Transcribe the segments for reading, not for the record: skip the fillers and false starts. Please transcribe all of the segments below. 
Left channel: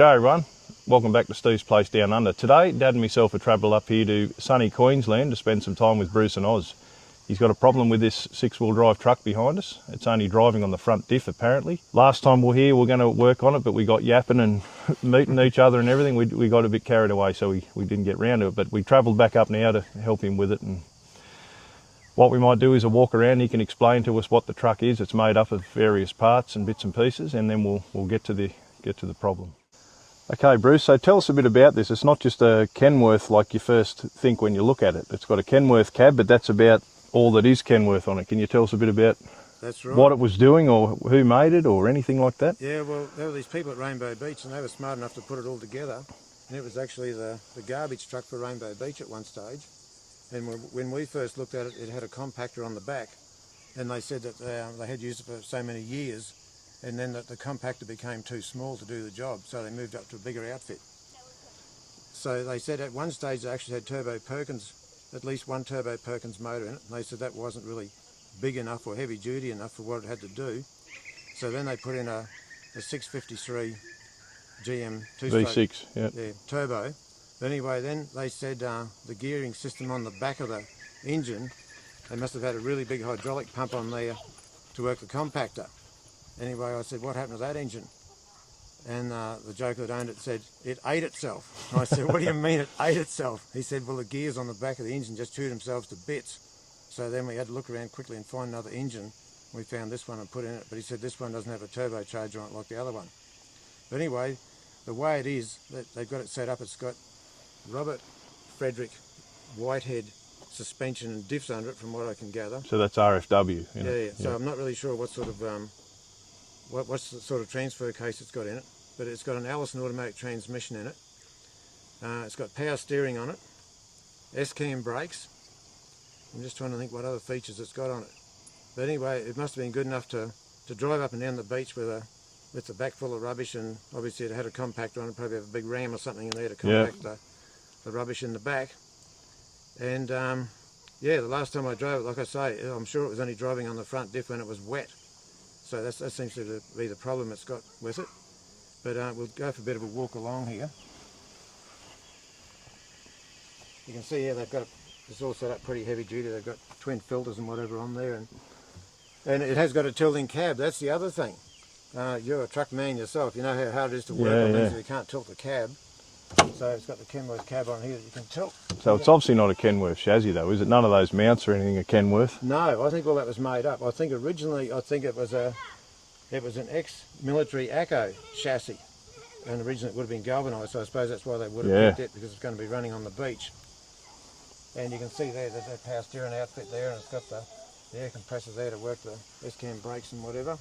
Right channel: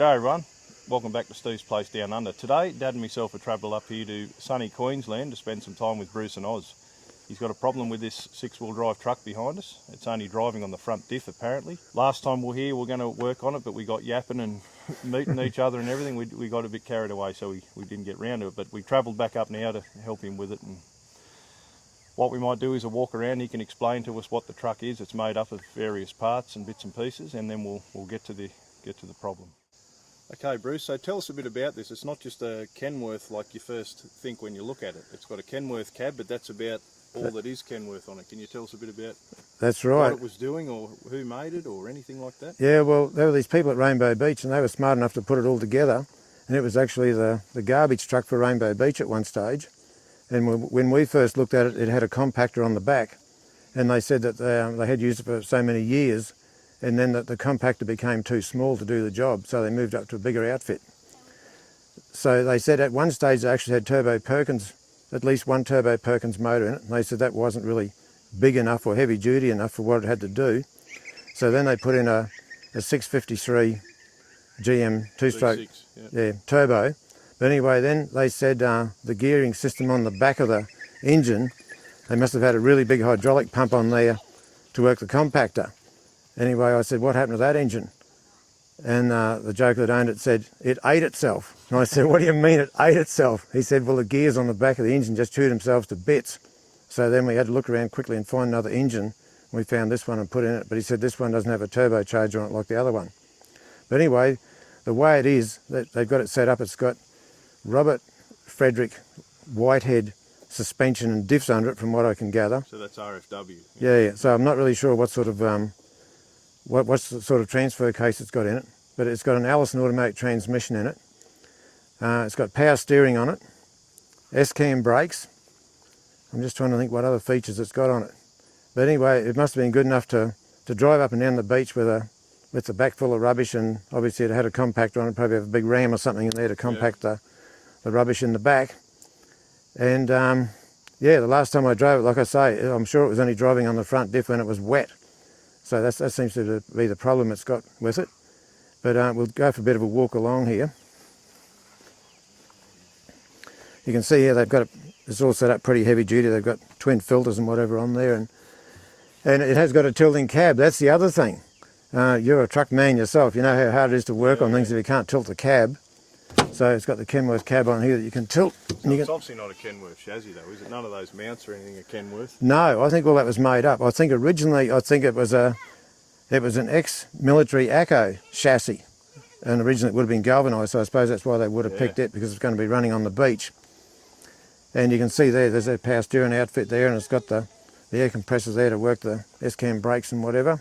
G'day everyone, welcome back to Steve's Place Down Under. Today, Dad and myself have travelled up here to sunny Queensland to spend some time with Bruce and Oz. He's got a problem with this six-wheel drive truck behind us. It's only driving on the front diff apparently. Last time we were here we were going to work on it, but we got yapping and meeting each other and everything. We got a bit carried away, so we didn't get round to it, but we travelled back up now to help him with it. And what we might do is a walk around. He can explain to us what the truck is. It's made up of various parts and bits and pieces, and then we'll get to the problem. Okay, Bruce, so tell us a bit about this. It's not just a Kenworth like you first think when you look at it. It's got a Kenworth cab, but that's about all that is Kenworth on it. Can you tell us a bit about That's right. what it was doing or who made it or anything like that? Yeah, well, there were these people at Rainbow Beach and they were smart enough to put it all together. And it was actually the garbage truck for Rainbow Beach at one stage. And when we first looked at it, it had a compactor on the back. And they said that they had used it for so many years, and then that the compactor became too small to do the job, so they moved up to a bigger outfit. So they said at one stage they actually had turbo Perkins, at least one turbo Perkins motor in it, and they said that wasn't really big enough or heavy duty enough for what it had to do. So then they put in a 653 GM two-stroke V6, turbo. But anyway, then they said the gearing system on the back of the engine, they must have had a really big hydraulic pump on there to work the compactor. Anyway, I said, what happened to that engine? And the joke that owned it said, it ate itself. And I said, what do you mean it ate itself? He said, well, the gears on the back of the engine just chewed themselves to bits. So then we had to look around quickly and find another engine. We found this one and put in it, but he said this one doesn't have a turbocharger on it like the other one. But anyway, the way it is, they've got it set up, it's got Robert Frederick Whitehead suspension and diffs under it, from what I can gather. So that's RFW. Yeah. So I'm not really sure what sort of what's the sort of transfer case it's got in it, but it's got an Allison automatic transmission in it. It's got power steering on it, S-cam brakes. I'm just trying to think what other features it's got on it. But anyway, it must have been good enough to drive up and down the beach with the back full of rubbish, and obviously it had a compactor on it, probably have a big ram or something in there to compact the rubbish in the back. And yeah, the last time I drove it, like I say, I'm sure it was only driving on the front diff when it was wet. So that seems to be the problem it's got with it. But we'll go for a bit of a walk along here. You can see here they've got it's all set up pretty heavy duty. They've got twin filters and whatever on there, and it has got a tilting cab. That's the other thing. You're a truck man yourself. You know how hard it is to work on things if you can't tilt the cab. So it's got the Kenworth cab on here that you can tilt. So it's obviously not a Kenworth chassis though, is it? None of those mounts or anything are Kenworth? No, I think all that was made up. I think originally, it was an ex-military ACO chassis, and originally it would have been galvanised, so I suppose that's why they would have picked it, because it's going to be running on the beach. And you can see there's that power steering outfit there, and it's got the air compressors there to work the S-cam brakes and whatever.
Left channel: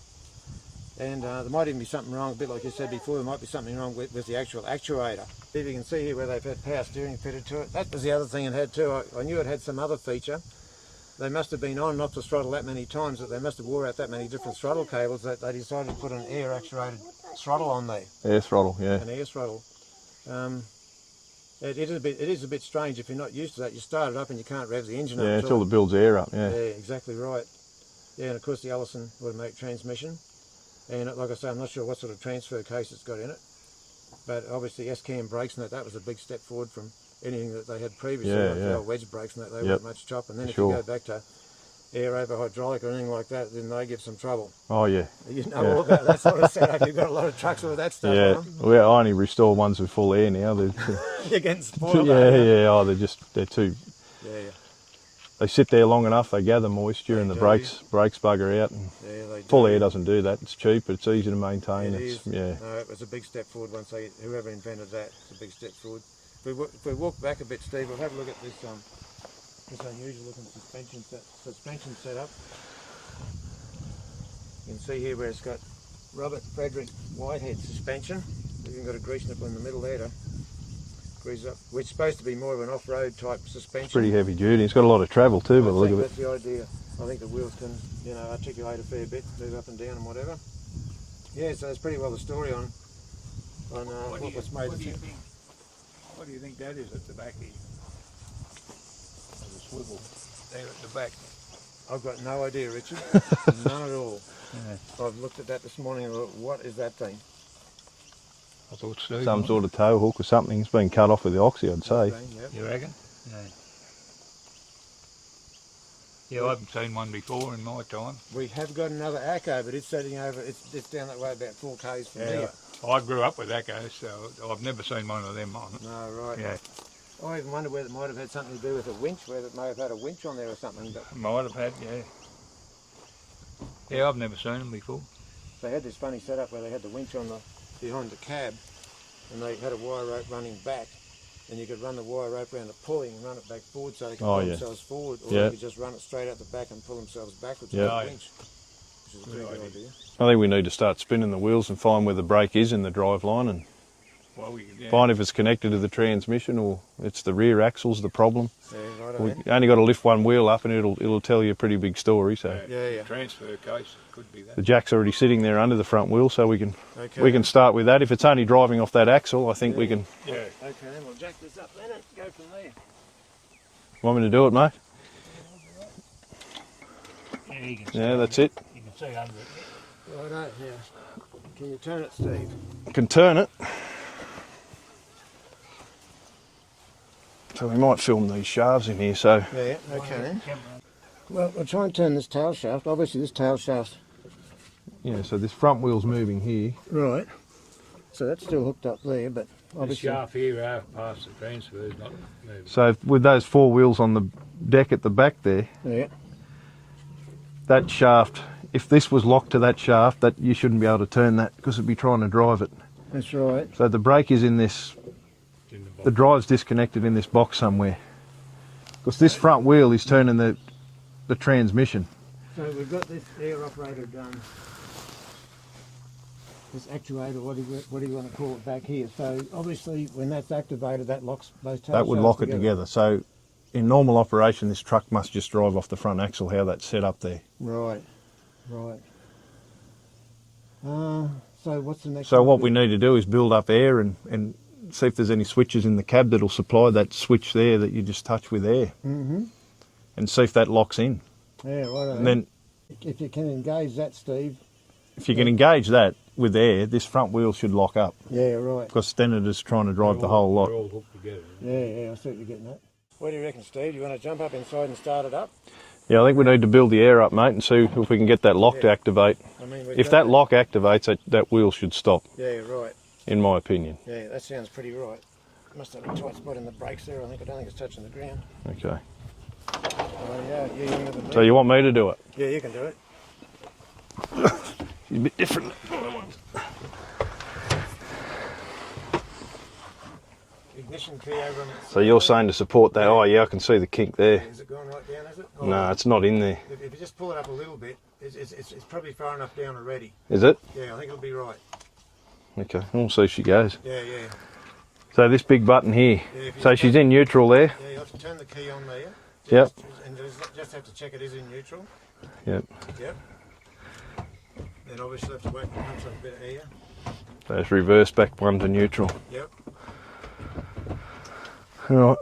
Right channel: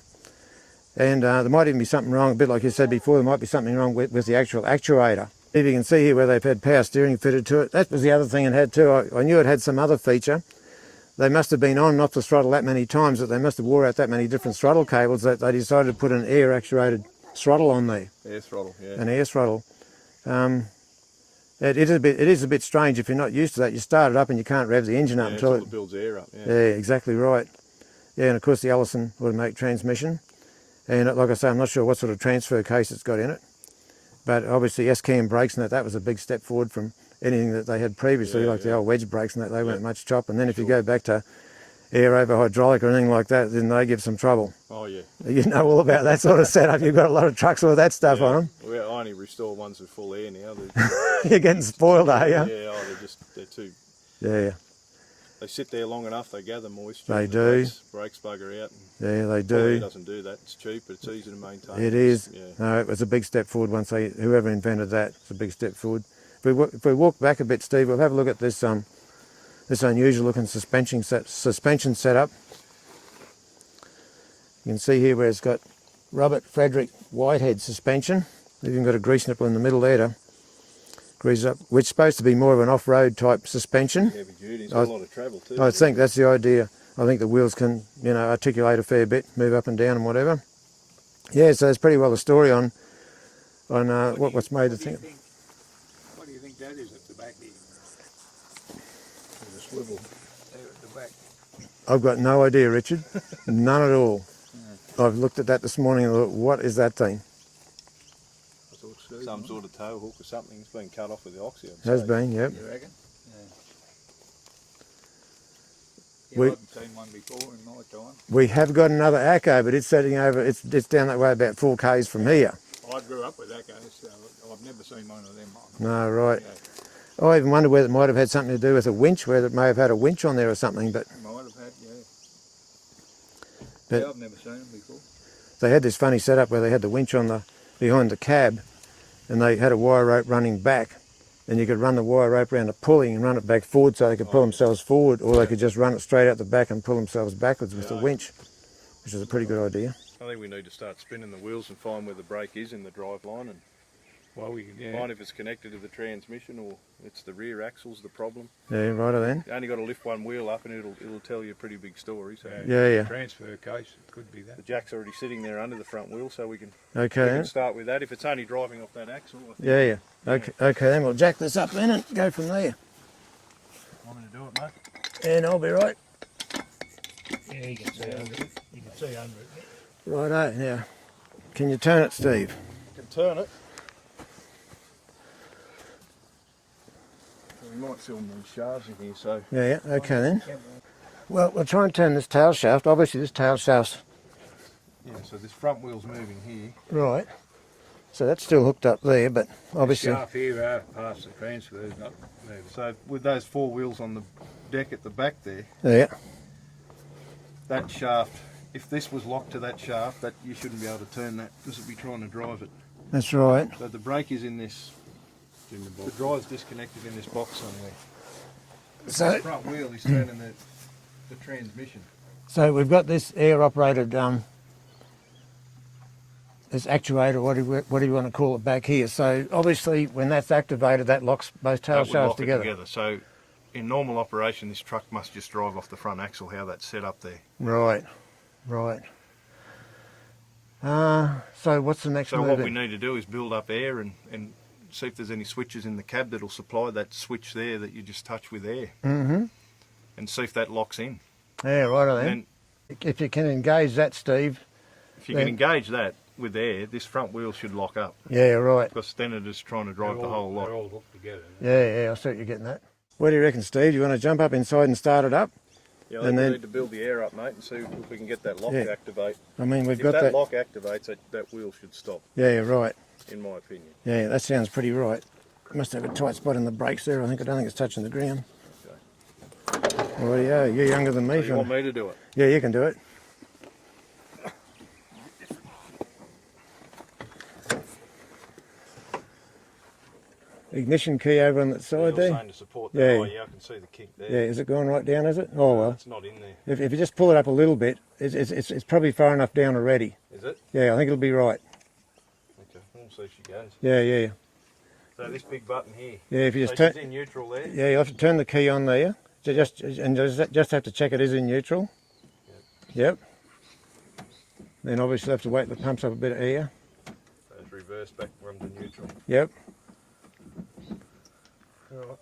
And there might even be something wrong, a bit like you said before, there might be something wrong with the actual actuator. If you can see here where they've had power steering fitted to it, that was the other thing it had too. I knew it had some other feature. They must have been on and off the throttle that many times that they must have wore out that many different throttle cables that they decided to put an air actuated throttle on there. Air throttle, yeah. An air throttle. It is a bit strange if you're not used to that. You start it up and you can't rev the engine up until it builds air up. Yeah, exactly right. Yeah, and of course the Allison automatic transmission. And like I say, I'm not sure what sort of transfer case it's got in it. But obviously S-cam brakes and that was a big step forward from anything that they had previously, like the old wedge brakes and that, they weren't much chop. And then if you go back to air over hydraulic or anything like that, then they give some trouble. Oh yeah. You know all about that sort of setup. You've got a lot of trucks with that stuff on them. Well, I only restore ones with full air now. You're getting spoiled, are you? Yeah, oh, they're too... Yeah. They sit there long enough, they gather moisture, and the brakes bugger out. And they do. Full air doesn't do that. It's cheap, but it's easy to maintain. It is. Yeah. No, it was a big step forward once whoever invented that. It's a big step forward. If we walk back a bit, Steve, we'll have a look at this unusual looking suspension setup. You can see here where it's got Robert Frederick Whitehead suspension. They've even got a grease nipple in the middle there to grease up, which is supposed to be more of an off-road type suspension. Pretty heavy duty. It's got a lot of travel too. I think that's the idea. I think the wheels can, articulate a fair bit, move up and down and whatever. Yeah, so that's pretty well the story on what's made the thing. What do you think that is at the back here? There's a swivel there at the back. I've got no idea, Richard. None at all. I've looked at that this morning and thought, what is that thing? I thought Steve. Some sort of tow hook or something. It's been cut off with the oxy, I'd Has say. been, yep. You reckon? Yeah, I haven't seen one before in my time. We have got another Acco, but it's sitting over, it's down that way about 4 k's from here. I grew up with Accos, so I've never seen one of them on it. No, right. Yeah, I even wonder whether it might have had something to do with a winch, whether it may have had a winch on there or something, but might have had, yeah. Yeah. Yeah, I've never seen them before. they had this funny setup where they had the winch on the behind the cab, and they had a wire rope running back, and you could run the wire rope around a pulley and run it back forward so they could pull themselves forward, or they could just run it straight out the back and pull themselves backwards with a winch, which is a pretty good idea. I think we need to start spinning the wheels and find where the brake is in the drive line, and find if it's connected to the transmission or it's the rear axle's the problem. Yeah, righto then. You only got to lift one wheel up and it'll tell you a pretty big story. So Yeah. Transfer case, it could be that. the jack's already sitting there under the front wheel, so we can Okay. start with that. If it's only driving off that axle, I think we can. Okay, then we'll jack this up then and go from there. Want me to do it, Mark? And I'll be right. Yeah, you can see Yeah, that's it. You can see under it. Righto, now, can you turn it, Steve? Can turn it. So we might film these shafts in here. So Yeah, okay then. Well, we'll try and turn this tail shaft. Obviously this tail shaft's... yeah, so this front wheel's moving here. Right. So that's still hooked up there, but The obviously... shaft here past the transfer is not moving. So with those 4 wheels on the deck at the back there, Yeah. that shaft, if this was locked to that shaft, that you shouldn't be able to turn that because it'd be trying to drive it. That's right. So the brake is in this, In the box. the drive's disconnected in this box somewhere. Because So- this front wheel is turning the transmission. So we've got this air-operated this actuator, what do you want to call it, back here. So obviously when that's activated, that locks both tail That shafts would lock together. it together. So in normal operation, this truck must just drive off the front axle, how that's set up there. Right, right. So what's the next So move? what we need to do is build up air and see if there's any switches in the cab that'll supply that switch there that you just touch with air. Mm-hmm. And see if that locks in. Yeah, right And then if you can engage that, Steve. if you can engage that with air, this front wheel should lock up. Yeah, right. Because then it is trying to drive the whole They're lot. all hooked together. Yeah, I see what you're getting at. What do you reckon, Steve? You want to jump up inside and start it up? Yeah, I think And we then- need to build the air up, mate, and see if we can get that lock to Yeah. activate. I mean, we've If got that lock activates, that wheel should stop, Yeah, right. in my opinion. Yeah, that sounds pretty right. Must have a tight spot in the brakes there. I don't think it's touching the ground. Okay. Oh, yeah, you're younger than me. So you want me to do it? Yeah, you can do it. It's a bit different. Ignition key over on that side. So you're there. saying to support that? Yeah. Oh yeah, I can see the kink Yeah, there. is it going right down, is it? Oh, No, it's not in there. if you just pull it up a little bit, it's probably far enough down already. Is it? Yeah, I think it'll be right. Okay, we'll see if she goes. Yeah. So this big button here. Yeah, if you So just she's in neutral there. Yeah, you'll have to turn the key on there. Yep. Just have to check it is in neutral. Yep. Yep. Then obviously have to wait till it pumps up a bit of air. So it's reverse back 1 to neutral. Yep. All right.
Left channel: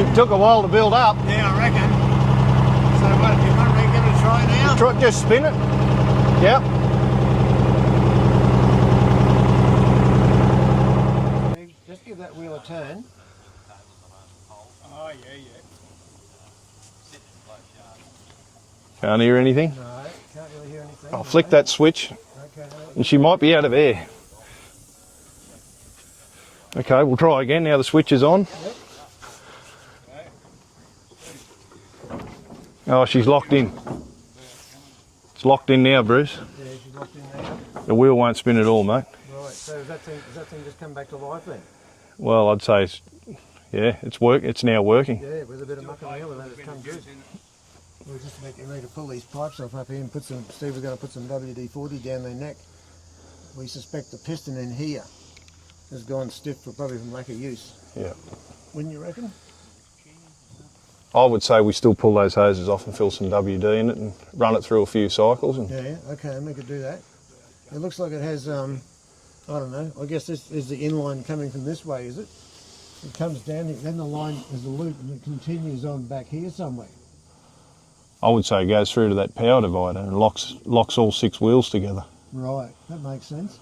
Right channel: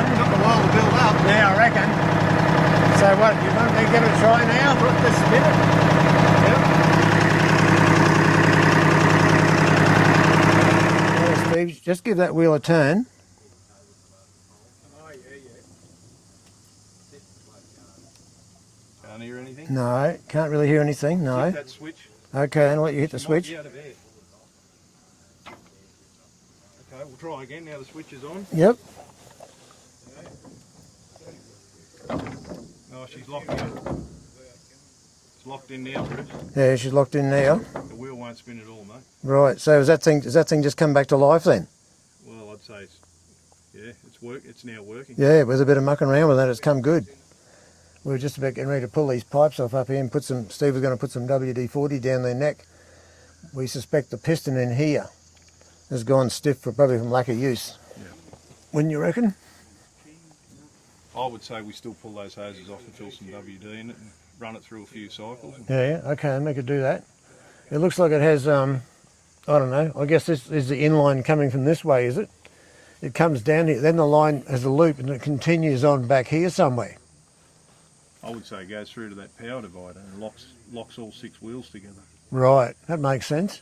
It took a while to build up. Yeah, I reckon. So what, you want me to give it a try now? Just spin it. Yep. Yeah, Steve, just give that wheel a turn. Oh, yeah, yeah. Can't hear anything. No, can't really hear anything. I'll no. flick that switch. Okay, then let you She might be out of air. Okay, we'll try again. Now the switch is on. Yep. Oh, she's locked in. It's locked in now, Bruce. Yeah, she's locked in now. The wheel won't spin at all, mate. Right. So does that thing just come back to life then? Well, I'd say it's now working. Yeah, with a bit of mucking around with that, it's come good. We were just about getting ready to pull these pipes off up here and Steve was going to put some WD-40 down their neck. We suspect the piston in here has gone stiff probably from lack of use. Yeah. Wouldn't you reckon? I would say we still pull those hoses off and fill some WD in it and run it through a few cycles. And Yeah, okay, then we could do that. It looks like it has, I don't know, I guess this is the inline coming from this way, is it? It comes down here, then the line has a loop and it continues on back here somewhere. I would say it goes through to that power divider and locks all 6 wheels together. Right, that makes sense.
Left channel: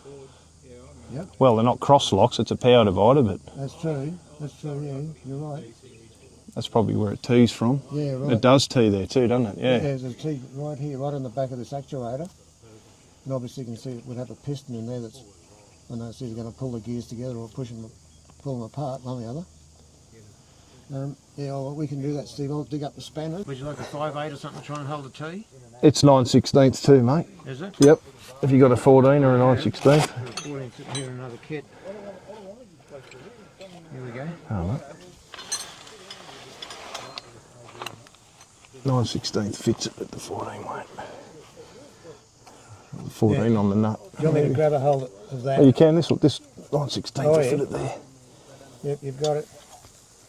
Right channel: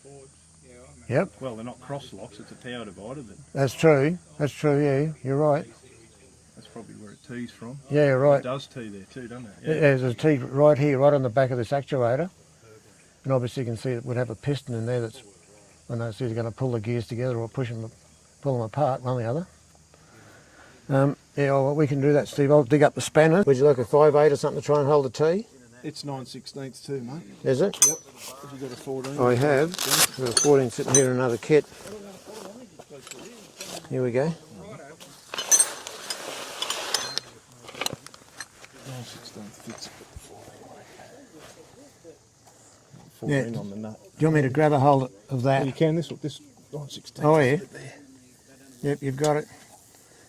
Yep, Well, they're not cross locks, it's a power divider, but that's true, yeah, you're right. that's probably where it tees from. Yeah, you're right. It does tee there too, doesn't it? Yeah. There's a T right here, right on the back of this actuator. And obviously you can see it would have a piston in there that's, I know it's either going to pull the gears together or pull them apart, one or the other. Yeah, well, we can do that, Steve. I'll dig up the spanner. Would you like a 5/8 or something to try and hold the T? It's 9/16 too, mate. Is it? Yep. Have you got a 14 or a I have. 9/16? Got a 14 sitting here in another kit. Here we go. Oh, right. 9/16 fits it, but the 14 won't. 14 on the nut. Do you want me to grab a hold of that? Oh, you can. This 9/16 Oh, will yeah. fit it there. Yep, you've got it.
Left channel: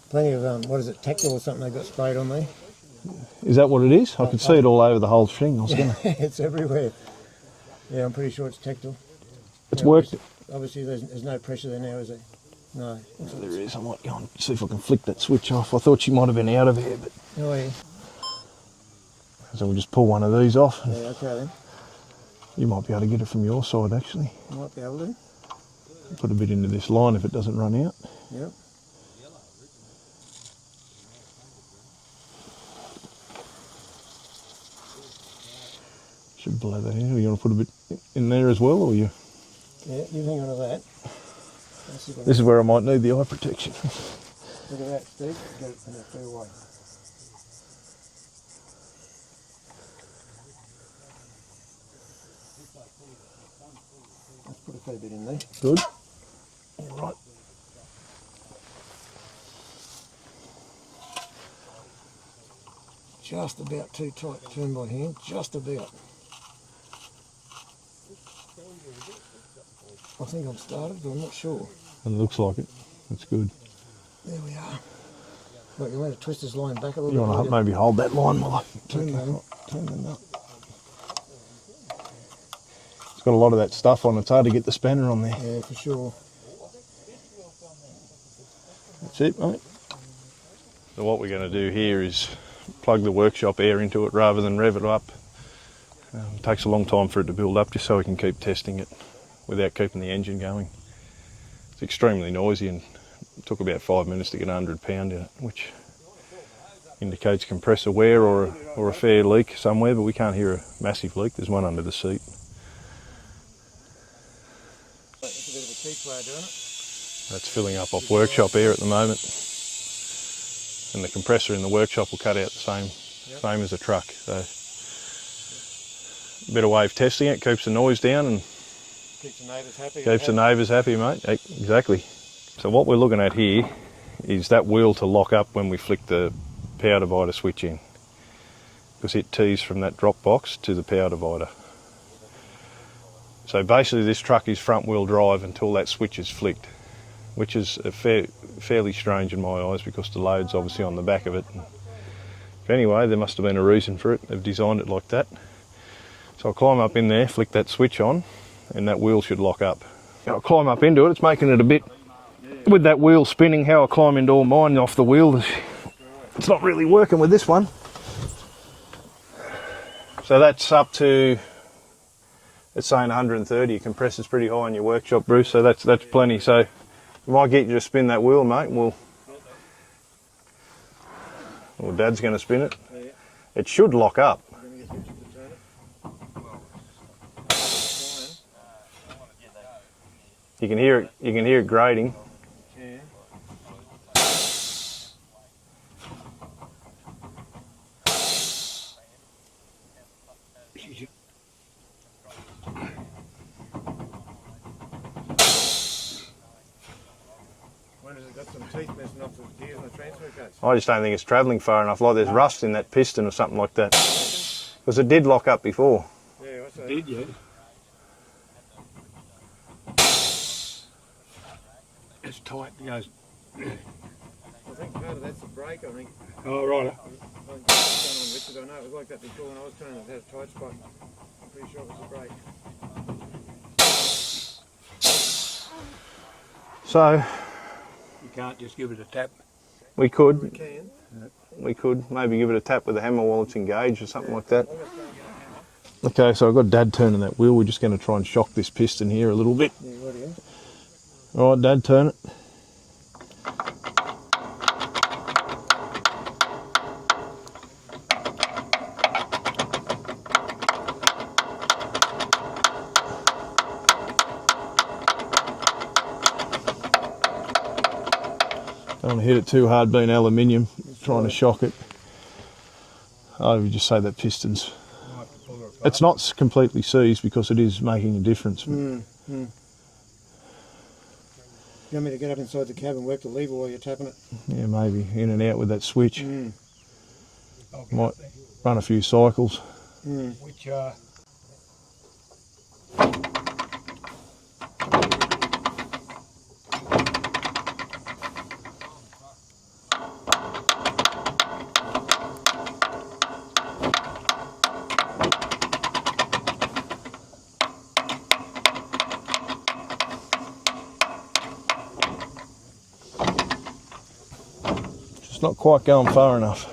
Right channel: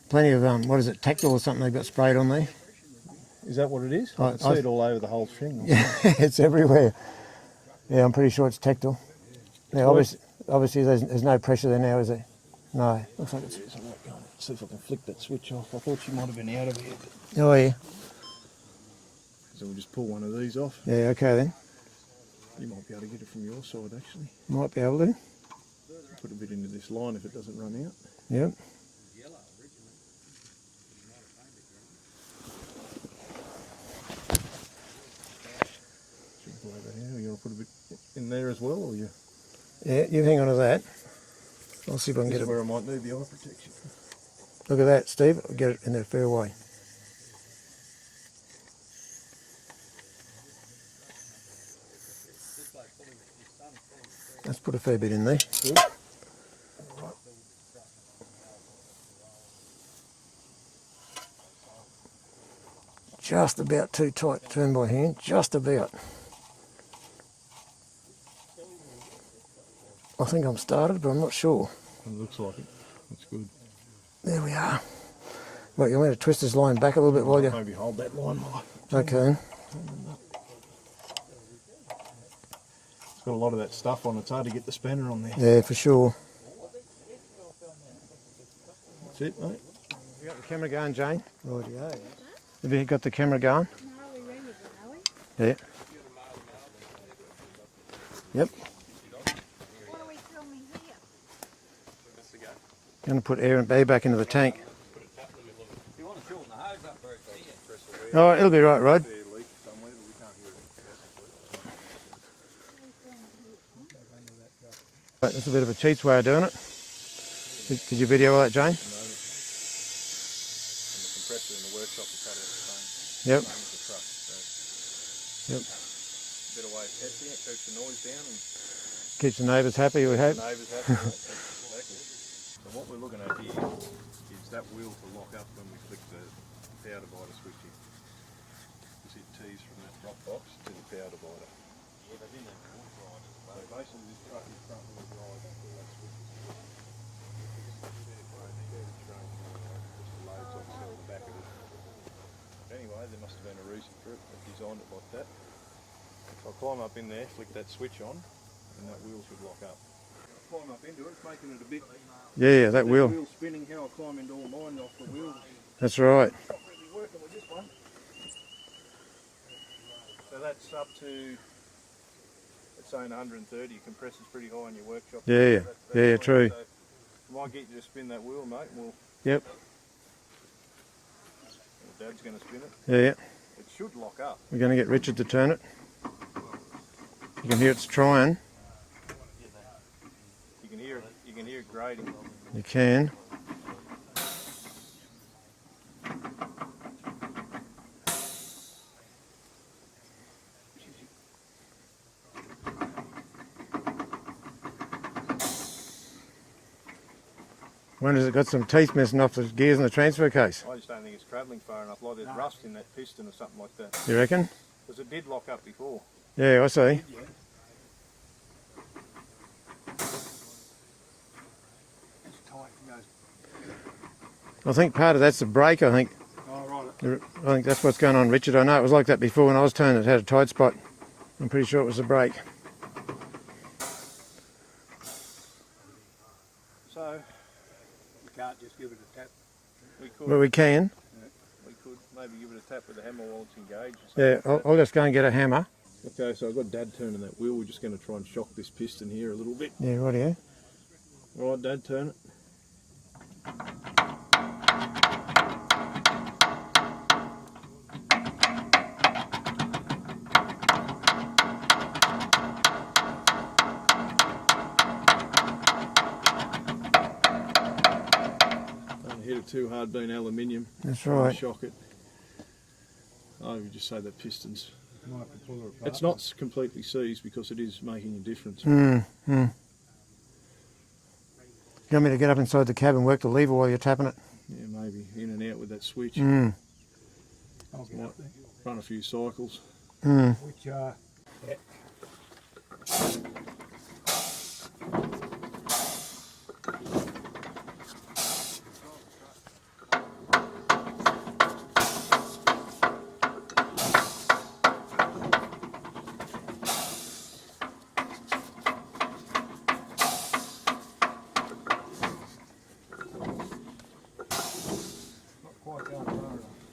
Plenty of, what is it, tactile or something they've got sprayed on there. Is that what it is? I can see it all over the whole thing. It's everywhere. Yeah, I'm pretty sure it's tactile. It's Yeah, worth it. obviously there's no pressure there now, is there? No. Looks like there is. I might go and see if I can flick that switch off. I thought she might have been out of here, but Oh, yeah. so we'll just pull one of these off. Yeah, okay then. You might be able to get it from your side, actually. Might be able to. Put a bit into this line if it doesn't run out. Yep. Should blow that in. Or you want to put a bit in there as well, or you? Yeah, you hang on to that. I'll see if I can This is get where I might need the eye protection. it. Look at that, Steve. Get it in there fair way. Let's put a fair bit in there. Good. All right. Just about too tight to turn by hand. Just about. I think I'm started, but I'm not sure. It looks like it. That's good. There we are. Wait, you want me to twist this line back a little bit No, while you... maybe hold that line while I turn Okay. turn the nut. It's got a lot of that stuff on it. It's hard to get the spanner on there. Yeah, for sure. That's it, mate. Got the camera going, So what we're going to do here is Have you plug got the camera workshop going? air into it rather than rev it up. Yeah. It takes a long time for it to build up just so we can keep Yep. testing it without keeping the engine going. It's extremely noisy and Going to put took air about back 5 into the minutes to get tank. 100 pound out, which indicates compressor wear Oh, or, it'll be right, or a Rod. fair leak somewhere, but we can't hear a massive leak. There's one under the seat. That's a bit of a cheats way of doing it. That's filling up Did off you video workshop that, air Jane? at the moment. And the compressor in the workshop will cut out the same as a truck. So a bit of wave testing it, keeps the noise down and Keeps the neighbours happy. keeps the neighbours happy, mate. Exactly. So what we're looking at here is that wheel to lock up when we flick the power divider switch in, because it tees from that drop box to the power divider. So basically this truck is front wheel drive until that switch is flicked, which is fairly strange in my eyes because the load's obviously on the back of it. But anyway, there must have been a reason for it. They've designed it like that. So I'll climb up in there, flick that switch on, and that wheel should lock up. I'll climb up into it. It's making it a bit Yeah, with that wheel spinning, how I climb into all mine off the wheel. That's right. It's not really working with this one. So that's up to, it's saying 130. Your compressor's pretty high in your workshop, Bruce, Yeah, so that's yeah, plenty. true. So we might get you to spin that wheel, mate, and we'll... Yep. Well, Dad's going to spin it. Yeah. It should lock up. We're going to get Richard to turn it. You can hear it trying. You can hear it grating. You can. Wonder if it's got some teeth missing off the gears in the transfer case. I just don't think it's travelling far enough, like there's rust in that piston or something like that. You reckon? Because it did lock up before. Yeah, I see. Yeah. It's tight. It goes. I think part of that's the brake, I think. Oh, right. I think that's what's going on, Richard. I know it was like that before when I was turning, it had a tight spot. I'm pretty sure it was the brake. So You can't just give it a tap. we could. Well, we can. We could maybe give it a tap with a hammer while it's engaged or something Yeah, like that. I'll just go and get a hammer. Okay, so I've got Dad turning that wheel. We're just going to try and shock this piston here a little bit. Yeah, right here. All right, Dad, turn it. Don't want to hit it too hard being aluminium. That's Trying to right. shock it. I would just say that piston's... Might have to pull her apart. It's not completely seized because it is making a difference. You want me to get up inside the cab and work the lever while you're tapping it? Yeah, maybe in and out with that switch. I'll get Might up there. run a few cycles. Which, yeah. Just not quite going far enough.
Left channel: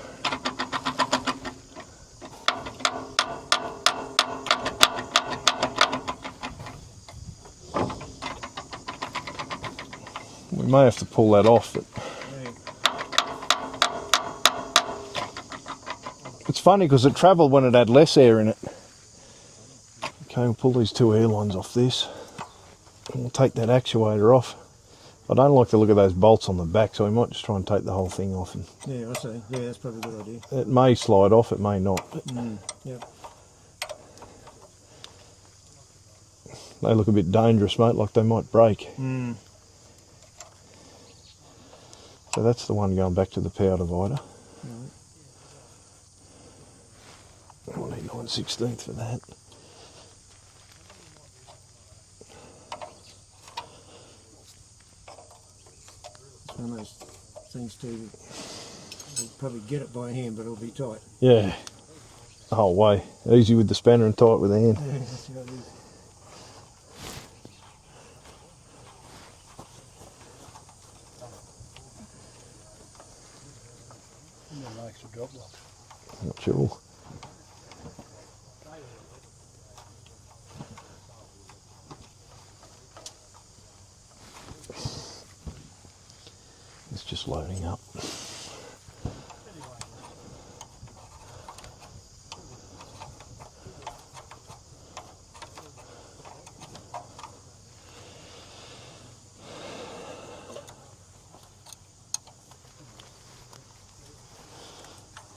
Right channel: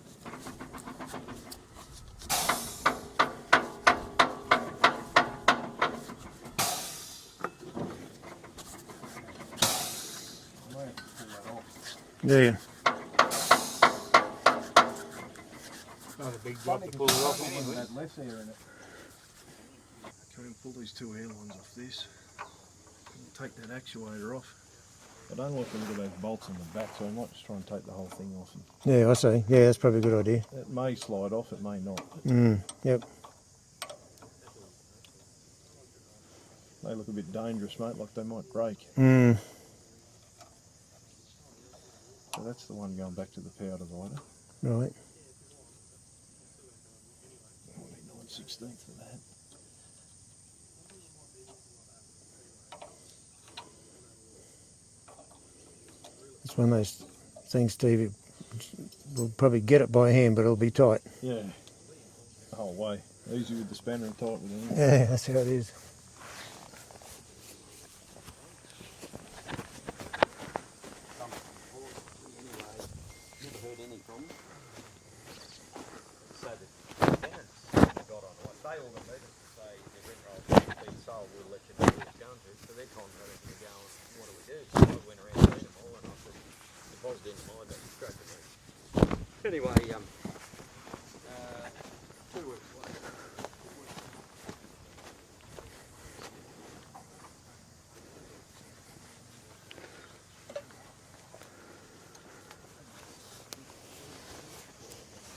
We may have to pull that off, but Yeah. it's funny because it travelled when it had less air in it. Okay, we'll pull these two air lines off this. And we'll take that actuator off. I don't like the look of those bolts on the back, so we might just try and take the whole thing off. And Yeah, I see. Yeah, that's probably a good idea. it may slide off, it may not. But Yep. they look a bit dangerous, mate, like they might break. So that's the one going back to the power divider. Right. I'll need 9/16 for that. It's one of those things, Stevie. We'll probably get it by hand, but it'll be tight. Yeah, the whole way. Easy with the spanner and tight with the hand. Yeah, that's how it is. Not sure. It's just loading up. Anyway,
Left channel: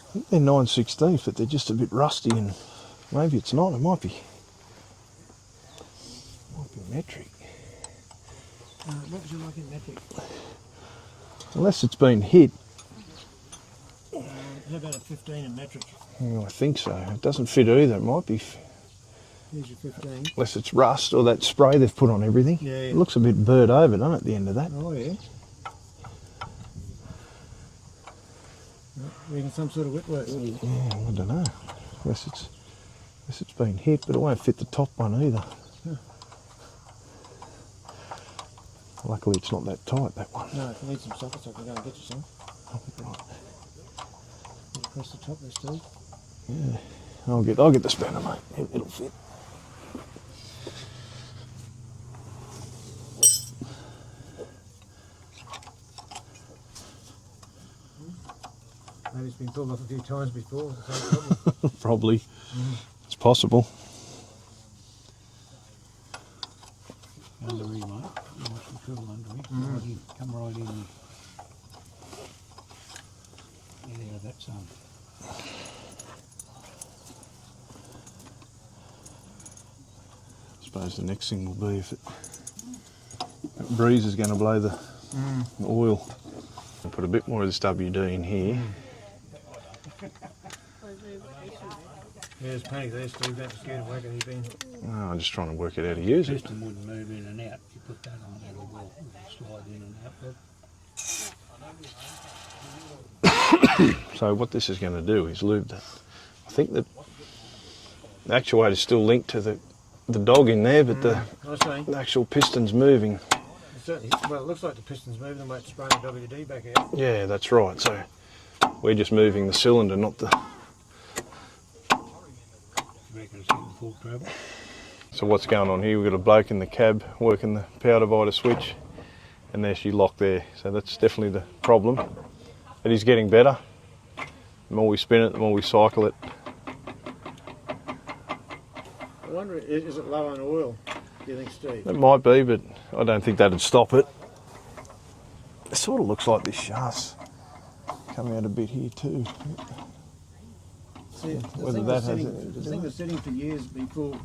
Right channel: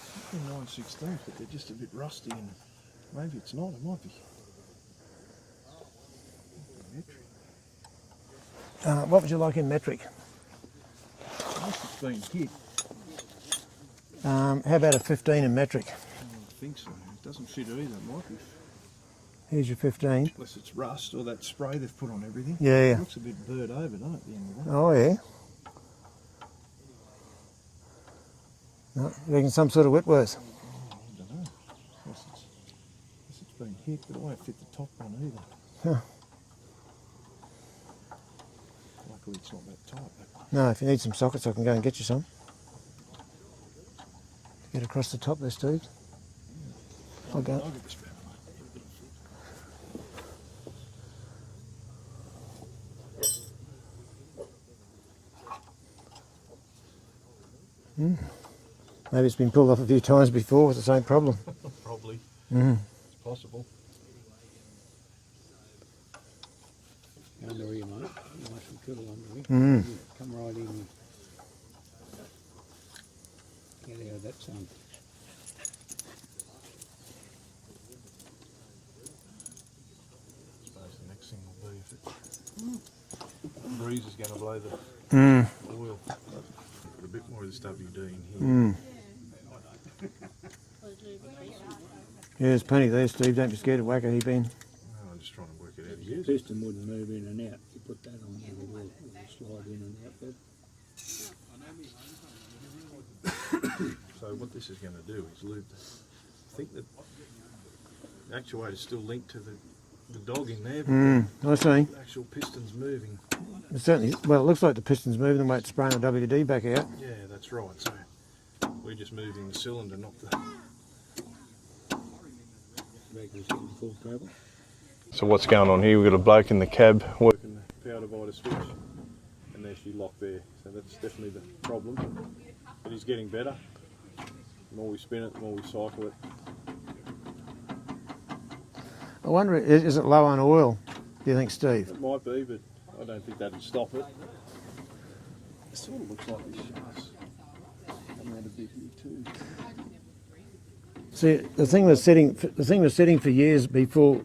I think they're 9/16, but they're just a bit rusty, and maybe it's not. It might be metric. What would you like in metric? Unless it's been hit. How about a 15 in metric? Yeah, I think so. It doesn't fit either. It might be, Here's your 15. unless it's rust or that spray they've put on everything. Yeah, yeah. It looks a bit burnt over, doesn't it, at the end of that? Oh, yeah. No, reckon some sort of Whitworth. Yeah, I don't know. Unless it's been hit, but it won't fit the top one either. Yeah. Luckily it's not that tight, that one. No, if you need some sockets, I can go and get you some. Get across the top there, Steve. Yeah. I'll get the spanner, mate. It'll fit. Maybe it's been pulled off a few times before with the same problem. Probably. It's possible. Under here, mate. Nice and cool under here. Come right in here. Get out of that sun. I suppose the next thing will be if that breeze is going to blow the oil. I'll put a bit more of this WD in here. Yeah, there's plenty there, Steve. Don't be scared of whack it, Ben. Oh, I'm just trying to work it out how to use it. Piston wouldn't move in and out. You put that on there, it will slide in and out. But So what this is going to do is lube the... I think that the actuator is still linked to the dog in there, but I see. the actual piston's moving. It certainly, well, it looks like the piston's moving, the way it's spraying the WD back out. Yeah, that's right. So we're just moving the cylinder, not the... reckon it's getting full travel. So what's going on here, we've got a bloke in the cab working the power divider switch, and there's your lock there. So that's definitely the problem. But he's getting better. The more we spin it, the more we cycle it. I wonder, is it low on oil, do you think, Steve? It might be, but I don't think that'd stop it. It sort of looks like this shaft's coming out a bit here too. See, the thing was sitting for years before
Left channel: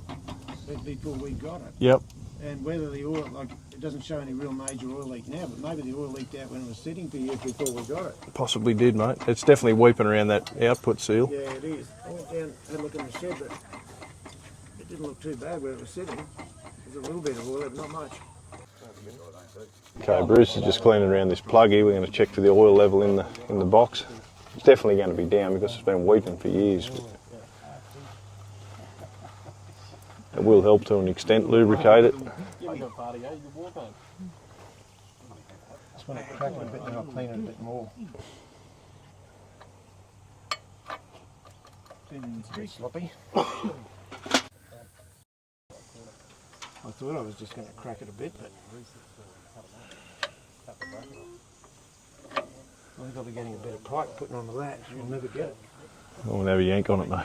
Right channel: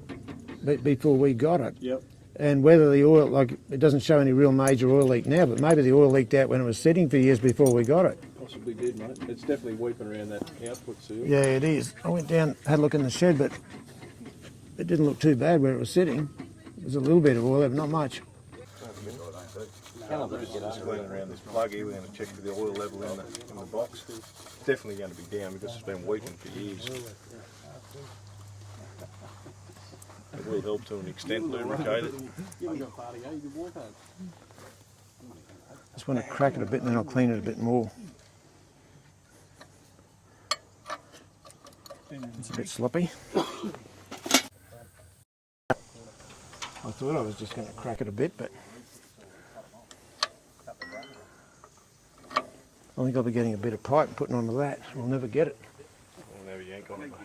we got it. Yep. And whether the oil, like, it doesn't show any real major oil leak now, but maybe the oil leaked out when it was sitting for years before we got it. Possibly did, mate. It's definitely weeping around that output seal. Yeah, it is. I went down, had a look in the shed, but it didn't look too bad where it was sitting. There's a little bit of oil, but not much. Okay, Bruce is just cleaning around this plug here. We're going to check for the oil level in the box. It's definitely going to be down because it's been weeping for years. It will help to an extent, lubricate it. Just want to crack it a bit and then I'll clean it a bit more. It's a bit sloppy. I thought I was just going to crack it a bit, but I think I'll be getting a bit of pipe and putting onto that. I'll never get it. I'll have a yank on it, mate.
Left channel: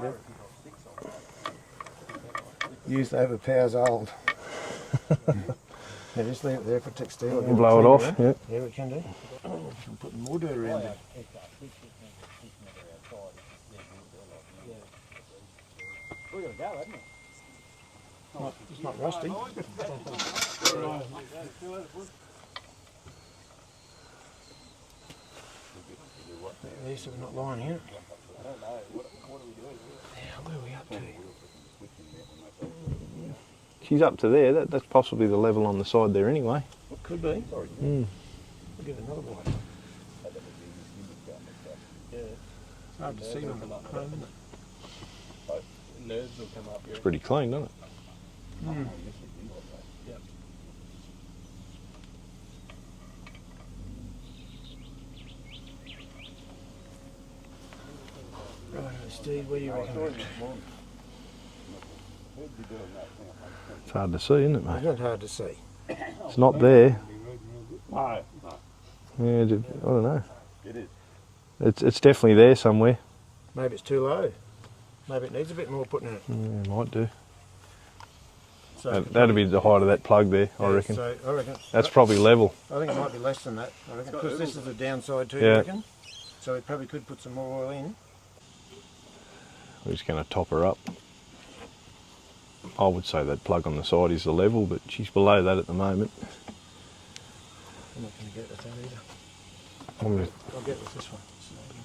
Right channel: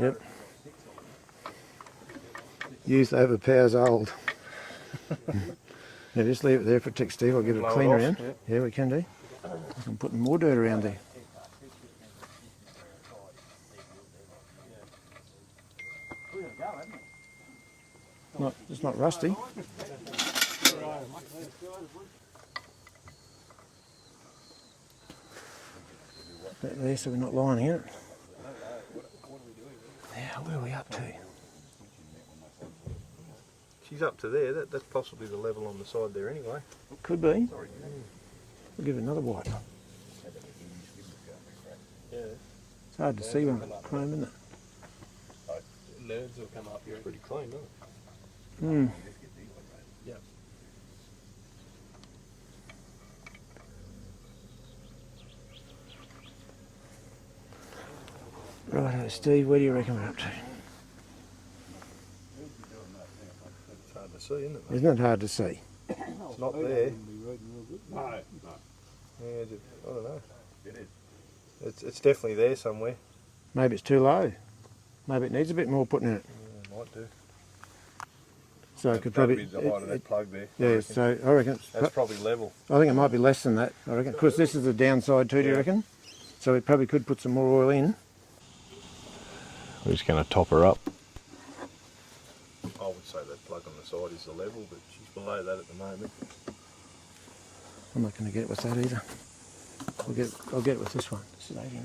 Yep. Youth overpowers old. Yeah, just leave it there for tick, Steve. I'll give it a Blow it clean off. around. Yeah. Yeah, we can do. I'm putting more dirt around there. Well, it's not rusty. Put there so we're not lying here. Now, where are we up to? She's up to there. That's possibly the level on the side there anyway. Could be. We'll give it another wipe. It's hard to see when I'm home, isn't it? It's pretty clean, doesn't it? Right, Steve, where do you reckon we're up to? It's hard to see, isn't it, It's mate? not hard to see. It's not there. Yeah, I don't know. It is. It's definitely there somewhere. Maybe it's too low. Maybe it needs a bit more putting in it. Yeah, might do. So it could That'd probably- be the height of that plug there, I Yeah, reckon. So I reckon That's probably level. I think it might be less than that. I reckon because this is the downside too. Do you Yeah. reckon? So we probably could put some more oil in. We're just going to top her up. I would say that plug on the side is the level, but she's below that at the moment. I'm not going to get it with that either. I'll get it with this one. This is 89.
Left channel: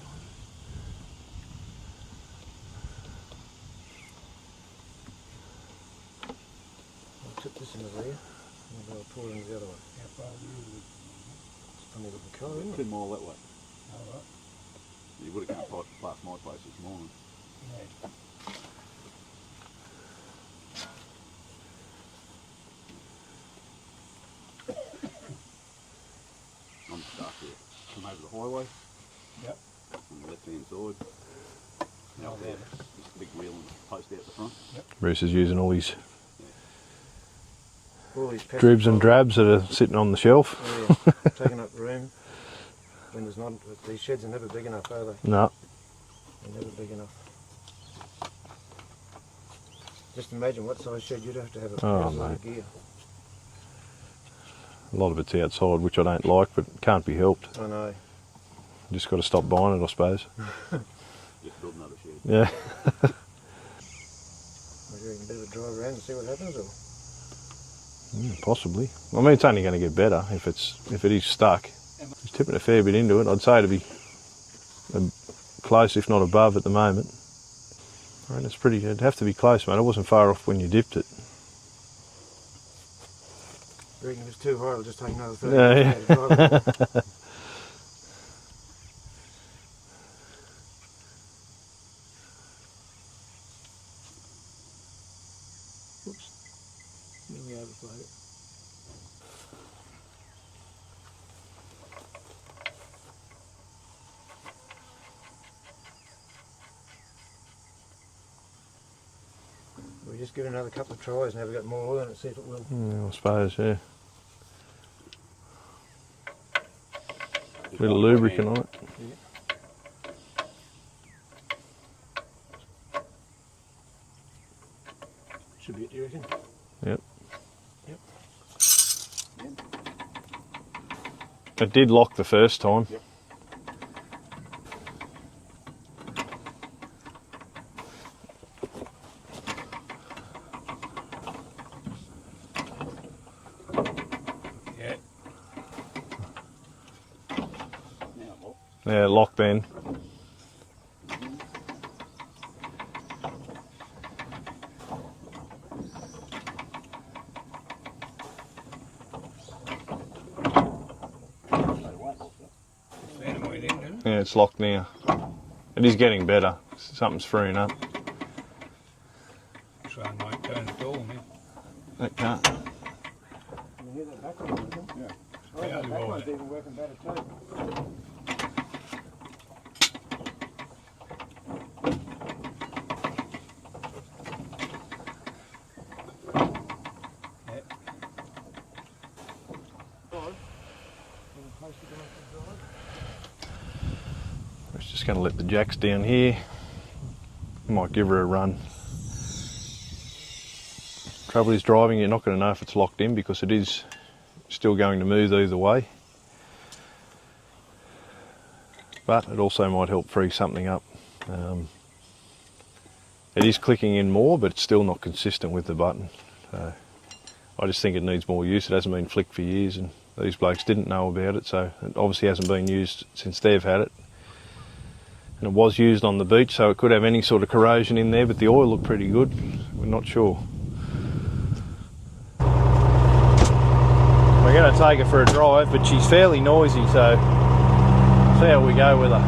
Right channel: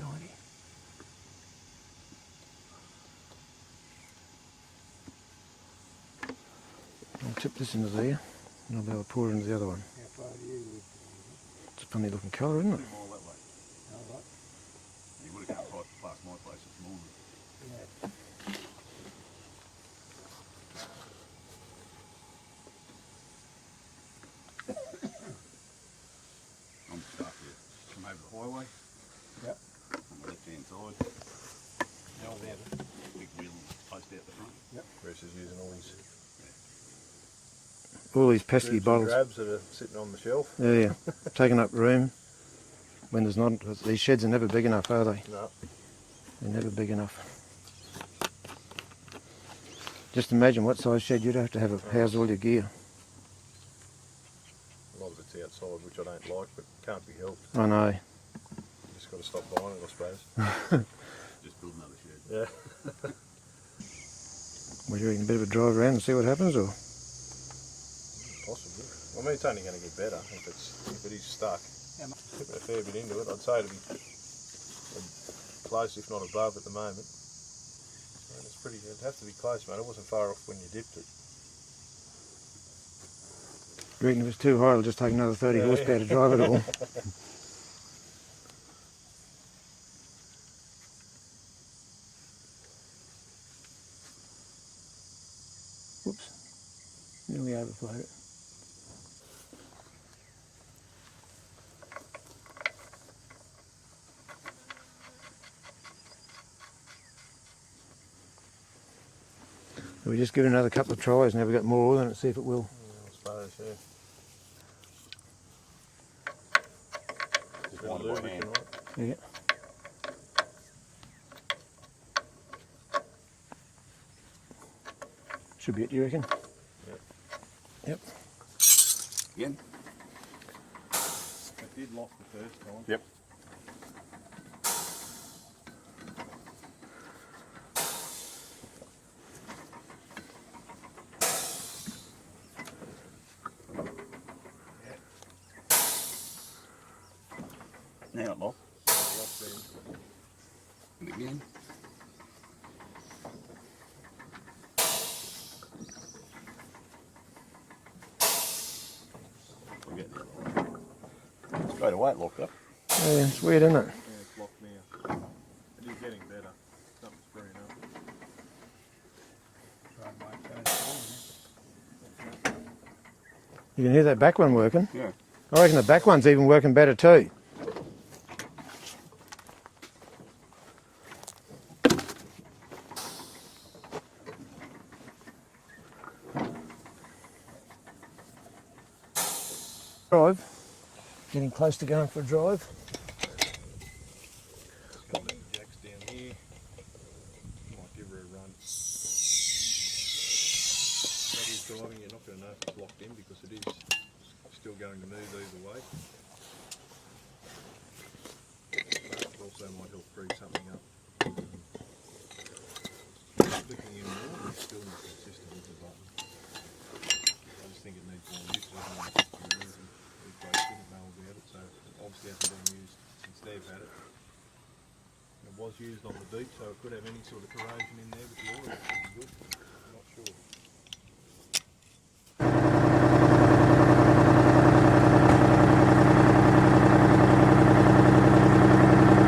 I'll tip this into there, and I'll be able to pour it into the other one. It's a funny looking colour, isn't it? More that way. You would have come past my place this morning. I'm stuck here. I'm over the highway. Yep. On the left hand side. Now we have Big wheel and post out the front. Bruce is using all his pesky dribs and bottles. drabs that are sitting on the shelf. Yeah, taking up room when there's not. These sheds are never big enough, are they? No. They're never big enough. Just imagine what size shed you'd have to have a house all your mate. gear. A lot of it's outside, which I don't like, but can't be helped. I know. Just got to stop buying it, I suppose. Just build another shed. Yeah. Would you reckon a bit of a drive around and see what happens, or? Possibly. I mean, it's only going to get better if it is stuck. He's tipping a fair bit into it. I'd say to be close, if not above, at the moment. I mean, it'd have to be close, mate. It wasn't far off when you dipped it. You reckon if it's too high, it'll just take another 30 Yeah, horsepower to drive it all? Whoops. Nearly overflowed it. We just give it another couple of tries and have we got more oil in it, see if it will. Yeah, I suppose, yeah. Bit of lubricant on it. Yeah. Should be it, you reckon? Yep. Yep. Again? It did lock the first time. Yep. Yeah. Now it lock. Yeah, lock then. Again. Straight away it locked up. Yeah, it's weird, isn't it? Yeah, it's locked now. It is getting better. Something's freeing up. Sun might turn storm. That can't. You can hear that back one working. Yeah. I reckon the back one's even working better too. Drive. Getting close to going for a drive. It's just going to let the jacks down here. Might give her a run. Trouble is driving, you're not going to know if it's locked in because it is still going to move either way. But it also might help free something up. It is clicking in more, but it's still not consistent with the button. So I just think it needs more use. It hasn't been flicked for years, and these blokes didn't know about it, so it obviously hasn't been used since they've had it. And it was used on the beach, so it could have any sort of corrosion in there, but the oil looked pretty good. We're not sure. We're going to take her for a drive, but she's fairly noisy, so see how we go with her.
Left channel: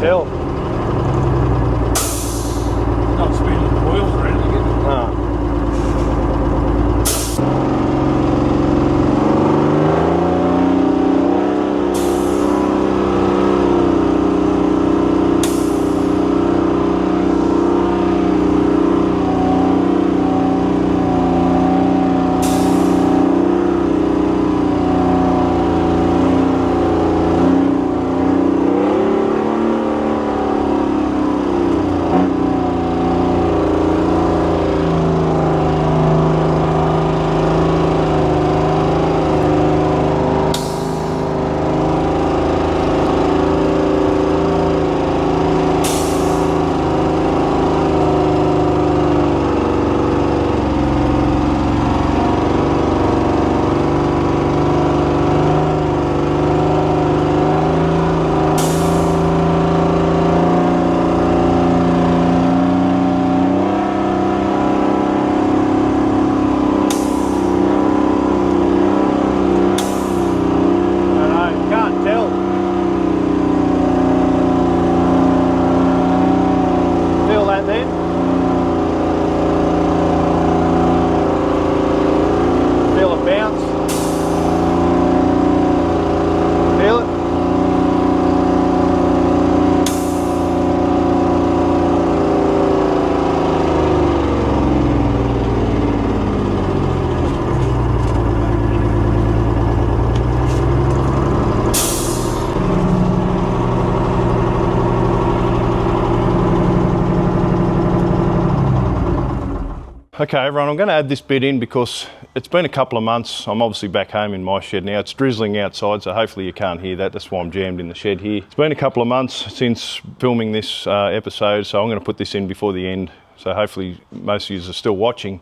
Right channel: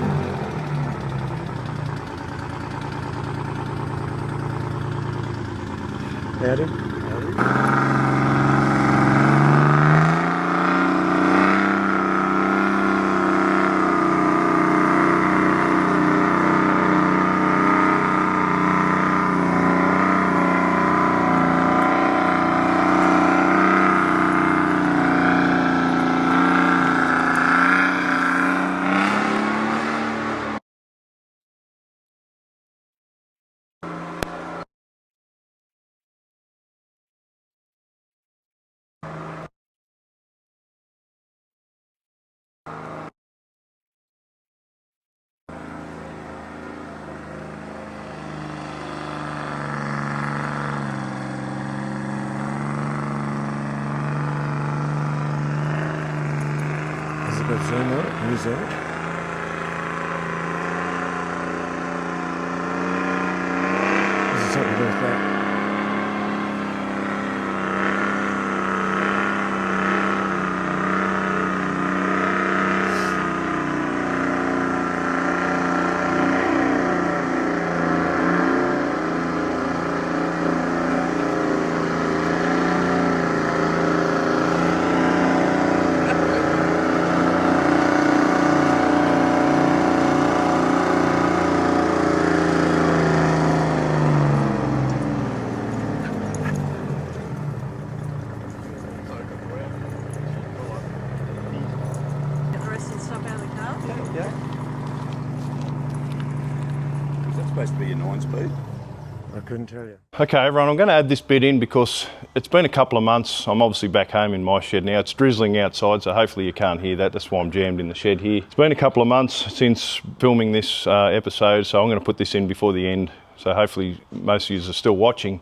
tell. Not spinning the wheels or anything, is it? No. Okay everyone, I'm going to add this bit in because it's been a couple of months. I'm obviously back home in my shed now. It's drizzling outside, so hopefully you can't hear that. That's why I'm jammed in the shed here. It's been a couple of months since filming this episode, so I'm going to put this in before the end. So hopefully most of you are still watching.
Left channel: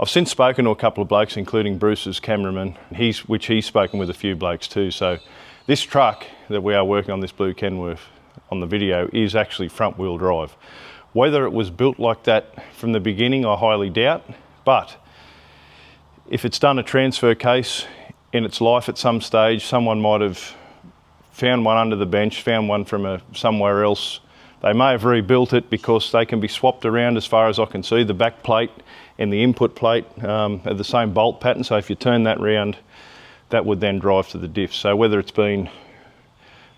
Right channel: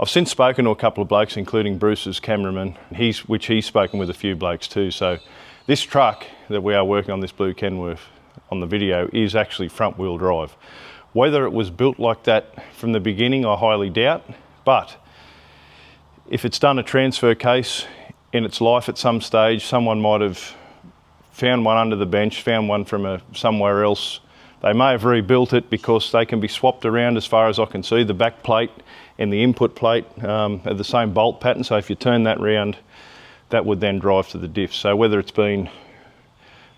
I've since spoken to a couple of blokes, including Bruce's cameraman, which he's spoken with a few blokes too. So this truck that we are working on, this blue Kenworth on the video, is actually front wheel drive. Whether it was built like that from the beginning, I highly doubt, but if it's done a transfer case in its life at some stage, someone might have found one under the bench, found one from somewhere else. They may have rebuilt it because they can be swapped around as far as I can see. The back plate and the input plate are the same bolt pattern, so if you turn that round, that would then drive to the diff. So whether it's been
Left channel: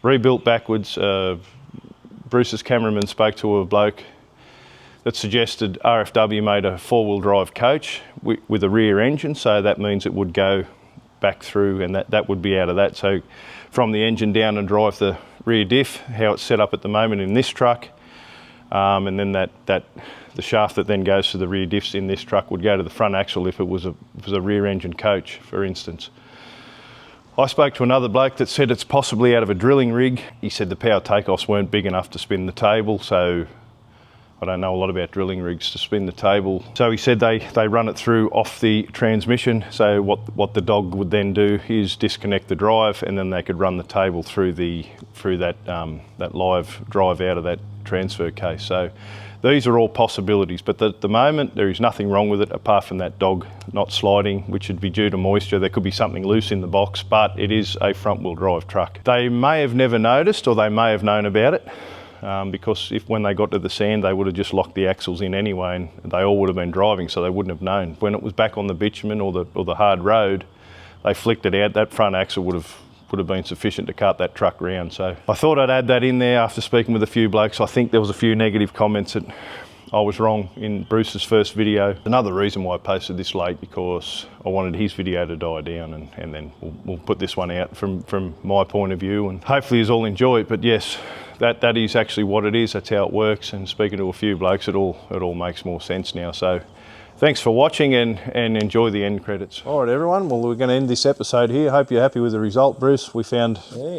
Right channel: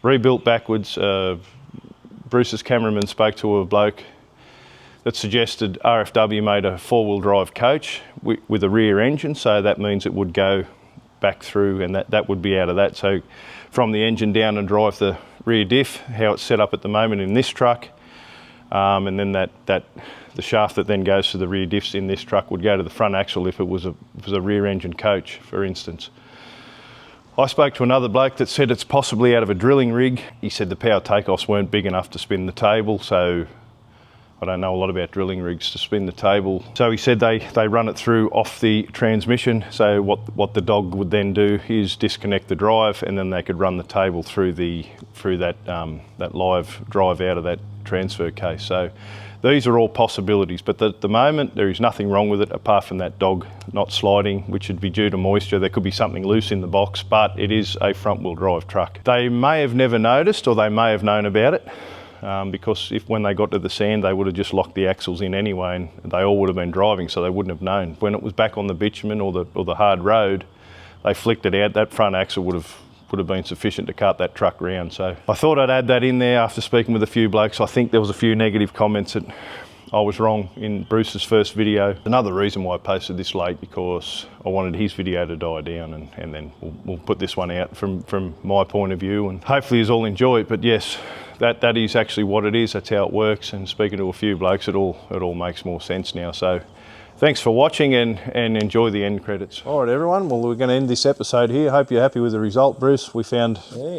rebuilt backwards, Bruce's cameraman spoke to a bloke that suggested RFW made a four-wheel drive coach with a rear engine, so that means it would go back through and that would be out of that. So from the engine down and drive the rear diff, how it's set up at the moment in this truck, and then the shaft that then goes to the rear diffs in this truck would go to the front axle if it was a rear engine coach, for instance. I spoke to another bloke that said it's possibly out of a drilling rig. He said the power takeoffs weren't big enough to spin the table, so I don't know a lot about drilling rigs to spin the table. So he said they run it through off the transmission. So what the dog would then do is disconnect the drive, and then they could run the table through that live drive out of that transfer case. So these are all possibilities, but at the moment there is nothing wrong with it apart from that dog not sliding, which would be due to moisture. There could be something loose in the box, but it is a front wheel drive truck. They may have never noticed, or they may have known about it. Because when they got to the sand, they would have just locked the axles in anyway, and they all would have been driving, so they wouldn't have known. When it was back on the bitumen or the hard road, they flicked it out. That front axle would have been sufficient to cart that truck round. So I thought I'd add that in there after speaking with a few blokes. I think there was a few negative comments that I was wrong in Bruce's first video. Another reason why I posted this late, because I wanted his video to die down, and then we'll put this one out from my point of view, and hopefully you all enjoy it. But yes, that is actually what it is. That's how it works. And speaking to a few blokes, it all makes more sense now. So thanks for watching, and enjoy the end credits. All right, everyone. Well, we're going to end this episode here. Hope you're happy with the result, Bruce. We found,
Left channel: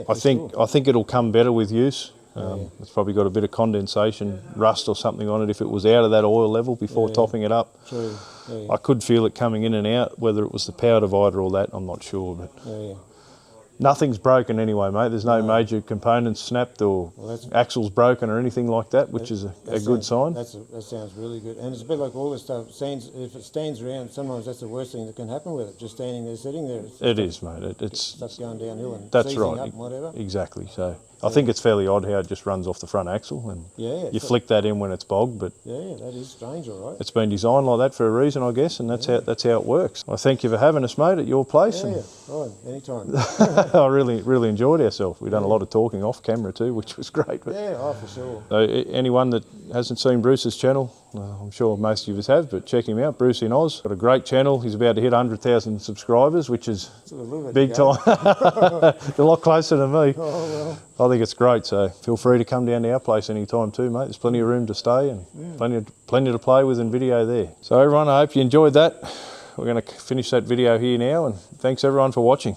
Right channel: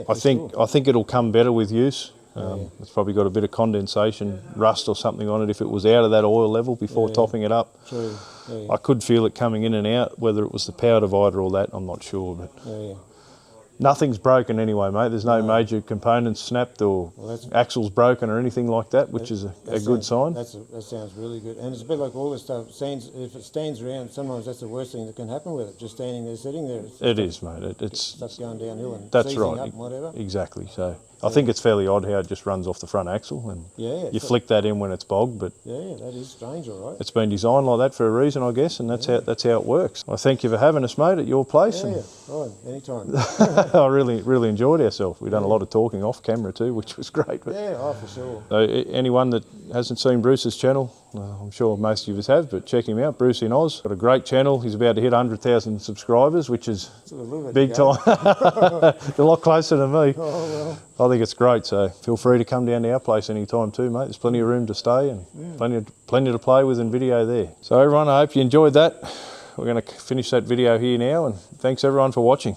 I think it'll come better with use. It's probably got a bit of condensation, rust or something on it if it was out of that oil level before topping it up. True. I could feel it coming in and out. Whether it was the power divider or that, I'm not sure. But nothing's broken anyway, mate. There's no major components snapped or axles broken or anything like that, which is a good sign. That sounds really good. And it's a bit like all this stuff. If it stands around, sometimes that's the worst thing that can happen with it. Just standing there, sitting there. It is, mate. It's stuff going downhill and that's seizing right. up and whatever. Exactly. So I think it's fairly odd how it just runs off the front axle, and Yeah. you flick that in when it's bogged, but Yeah, that is strange, all right. it's been designed like that for a reason, I guess, and that's how it works. I thank you for having us, mate, at your place. Yeah, And right, anytime. I really enjoyed ourselves. We've done a lot of talking off camera too, which was great. But, Yeah, oh, for sure. so anyone that hasn't seen Bruce's channel, I'm sure most of us have, but check him out, Bruce in Oz. Got a great channel. He's about to hit 100,000 subscribers, which is It's a little bit big to go. time. A lot closer than me. Oh, well. I think it's great, so feel free to come down to our place anytime too, mate. There's plenty of room to stay and plenty to play with and video there. So everyone, I hope you enjoyed that. We're going to finish that video here now, and thanks everyone for watching.